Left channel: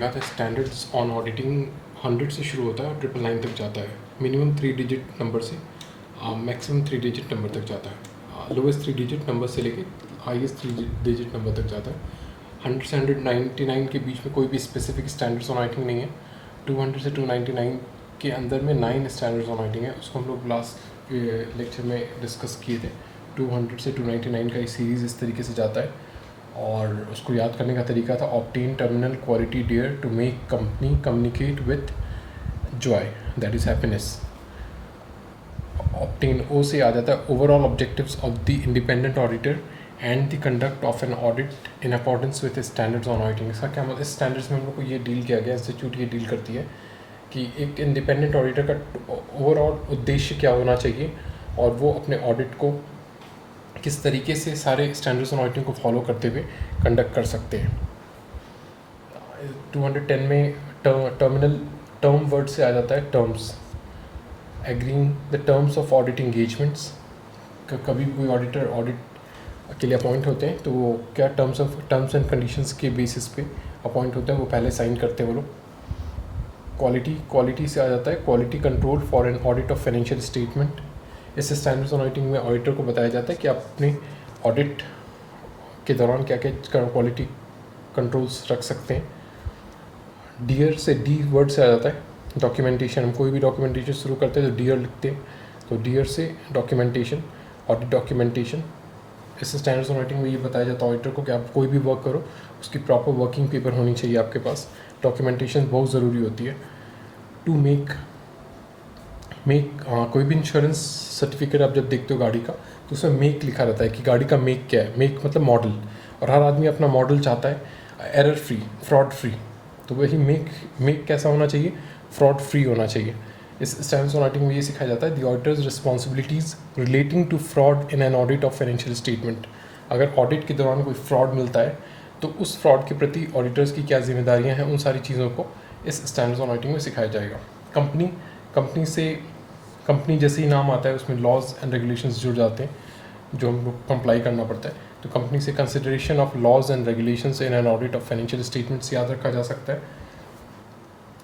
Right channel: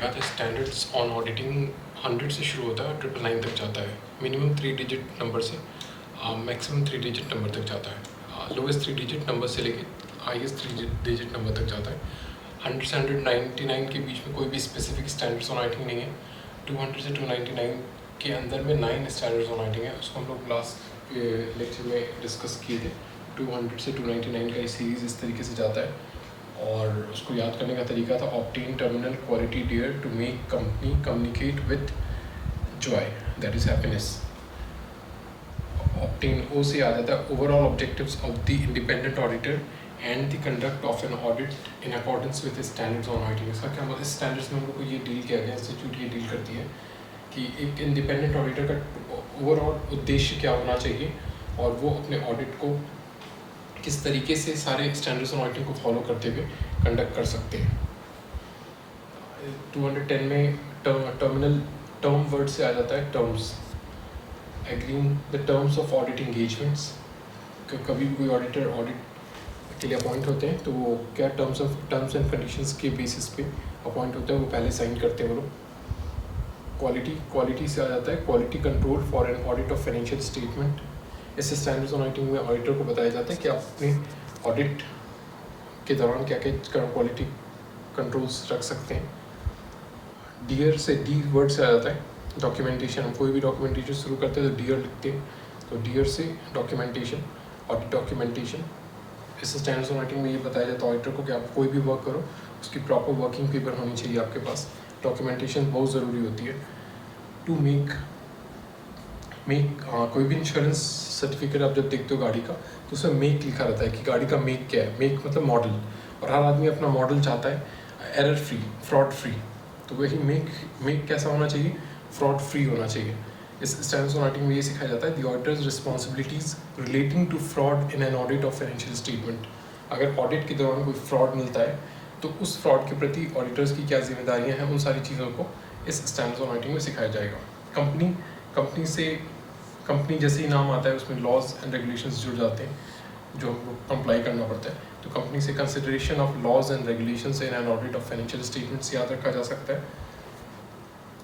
देखा था standards on auditing 100 से शुरू होता है और 999 तक जाता है। मिनिमम 3 डिजिट नंबर से मैक्सिमम 3 डिजिट नंबर तक जाता है। लोवेस्ट 3 डिजिट नंबर से लेके हाईएस्ट 3 डिजिट नंबर तक जाता है। 100 से 199 के बीच में कोई भी स्पेसिफिक स्टैंडर्ड्स ऑन ऑडिटिंग नहीं है। 200 से 299 के अंदर में 9 स्टैंडर्ड्स ऑन ऑडिटिंग है। उसको हम लोग लास्ट लेक्चर में डिस्कस किए थे। 200 से 299 का ये सीरीज़ इस तरीके से जाता है और उसको याद करने का तरीका था obtain terminal quality dare to make company communicate with joy, that is happiness. Obtain O से याद आता है overall objectives of the independent auditor and the conduct of an audit in accordance with standards on auditing. इसका क्या मतलब, standards में हम लोग को ये डील किया गया, इंस्टीट्यूट ये डील करती है कि एक इंडिपेंडेंट ऑडिटर का ओवरऑल उद्देश्य क्या होना चाहिए और वो अपने ऑडिट को किस तरीके से सारे स्टैंडर्ड्स ऑन ऑडिटिंग को फॉलो करते हुए कंडक्ट कर सकते हैं। 210 में टर्म वर्ड से आ जाता है terms. Agreeing the terms of audit engagements. कभी कोई ऑडिटर ऑडिट के लिए अपॉइंट होते हैं तो वो क्या टर्म्स एंड कंडीशंस के बेसिस पे अपॉइंट होता है, वो पहले साइन करते हैं वो लोग। क्वालिटी से आ जाता है quality control for an audit of financial statement. इस स्टैंडर्ड्स ऑन ऑडिटिंग में ऑडिटर को बताया जाता है कि आप अपने ऑडिट के दौरान क्या क्या क्वालिटी कंट्रोल्स रख सकते हैं। डियर से डी वर्ड से आ जाता है डॉक्यूमेंटेशन। हम कोई भी डॉक्यूमेंटेशन शुरू करते हैं तो डियर लिखते हैं, तो डियर से डॉक्यूमेंटेशन, ऑडिट डॉक्यूमेंटेशन। इस स्टैंडर्ड्स ऑन ऑडिटिंग में ये बताया जाता है ऑडिटर को कि आप कोई भी वर्क करो उसकी प्रॉपर वर्किंग पेपर होनी चाहिए आपके पास। डॉक्यूमेंटेशन बहुत ज़रूरी होती है। टू मेक कोई भी इंश्योरेंस सर्टिफिकेट आप जब देखते हो गाड़ी का तो उसमें मेक लिखा रहता है कि गाड़ी का मेक क्या है। मेक मतलब मॉडल, और हर आदमी अपना मॉडल चाहता है एरर फ्री, फ्रॉड फ्री। तो वही मेक कैसा होना चाहिए, फ्रॉड फ्री होना चाहिए। इस स्टैंडर्ड्स ऑन ऑडिटिंग में ये सिखाया जाता है the auditors responsibilities relating to fraud in an audit of financial statement. अगर ऑडिट के दौरान कोई फ्रॉड मिलता है तो उस फ्रॉड के प्रति ऑडिटर्स की क्या जिम्मेदारियां हैं, उन सारी चीज़ों को इस स्टैंडर्ड्स ऑन ऑडिटिंग में सिखाया जाएगा। कंपनी जैसे ही नाम आता है उसमें लॉज एंड रेगुलेशंस जुड़ जाते हैं जो हमको कंप्लाई करना पड़ता है। तो कंपनी से consideration of laws and regulations in an audit of financial statements याद रखा जा सकता है।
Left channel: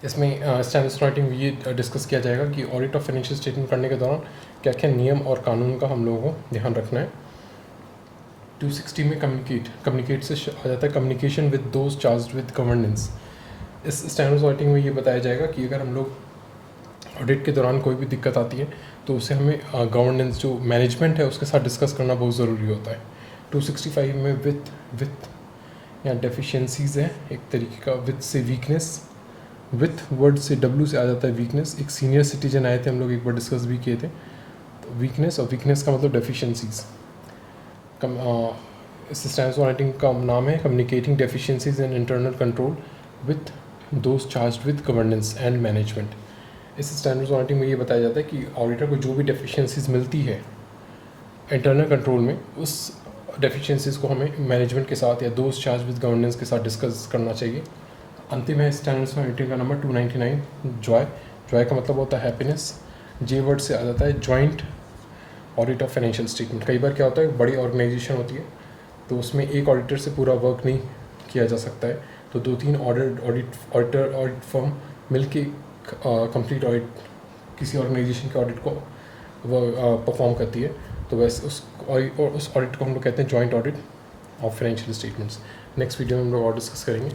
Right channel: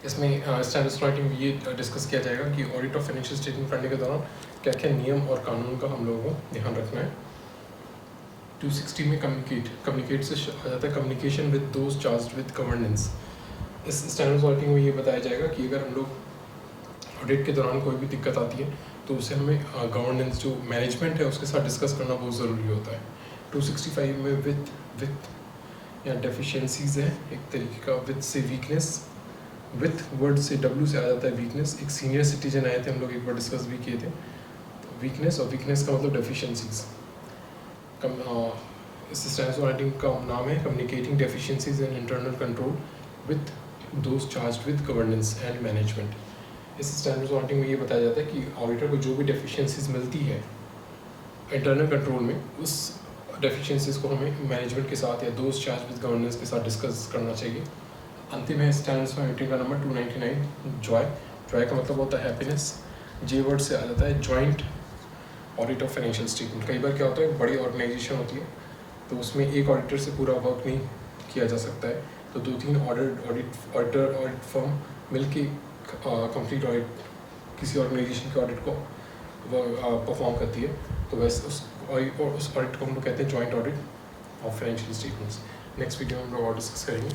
इसमें स्टैंडर्ड्स ऑन ऑडिटिंग में ये डिस्कस किया जाएगा कि ऑडिट ऑफ फाइनेंशियल स्टेटमेंट करने के दौरान क्या क्या नियम और कानून का हम लोगों को ध्यान रखना है। 260 में कम्युनिकेट से आ जाता है communication with those charged with governance. इस स्टैंडर्ड्स ऑन ऑडिटिंग में ये बताया जाएगा कि अगर हम लोग ऑडिट के दौरान कोई भी दिक्कत आती है तो उसे हमें गवर्नेंस जो मैनेजमेंट है उसके साथ डिस्कस करना बहुत ज़रूरी होता है। 265 में विथ या डेफिशिएंसीज है एक तरीके का। विथ से वीकनेस, विथ वर्ड से डब्ल्यू से आ जाता है वीकनेस। एक सीनियर सिटीजन आए थे, हम लोग एक बार डिस्कस भी किए थे। तो वीकनेस, और वीकनेस का मतलब डेफिशिएंसीज। इस स्टैंडर्ड्स ऑन ऑडिटिंग का नाम है communicating deficiencies and internal control with those charged with governance and management. इस स्टैंडर्ड्स ऑन ऑडिटिंग में ये बताया जाता है कि ऑडिटर को जो भी डेफिशिएंसीज मिलती है इंटरनल कंट्रोल में, उस डेफिशिएंसीज को हमें मैनेजमेंट के साथ या दोस्त चार्ज विद गवर्नेंस के साथ डिस्कस करना चाहिए। अंतिम है स्टैंडर्ड्स ऑन ऑडिटिंग का नंबर 299 जॉय का मतलब होता है हैप्पीनेस। जे वर्ड से आ जाता है joint audit of financial statement. कई बार क्या होता है बड़ी ऑर्गेनाइजेशन होती है तो उसमें एक ऑडिटर से पूरा वर्क नहीं किया जा सकता है, तो 2-3 ऑडिट फर्म मिलके कंप्लीट ऑडिट किसी ऑर्गेनाइजेशन के ऑडिट को परफॉर्म करती है। तो वैसे उस ऑडिट को हम लोग कहते हैं joint audit of financial statements. Next video में हम लोग और डिस्कस करेंगे।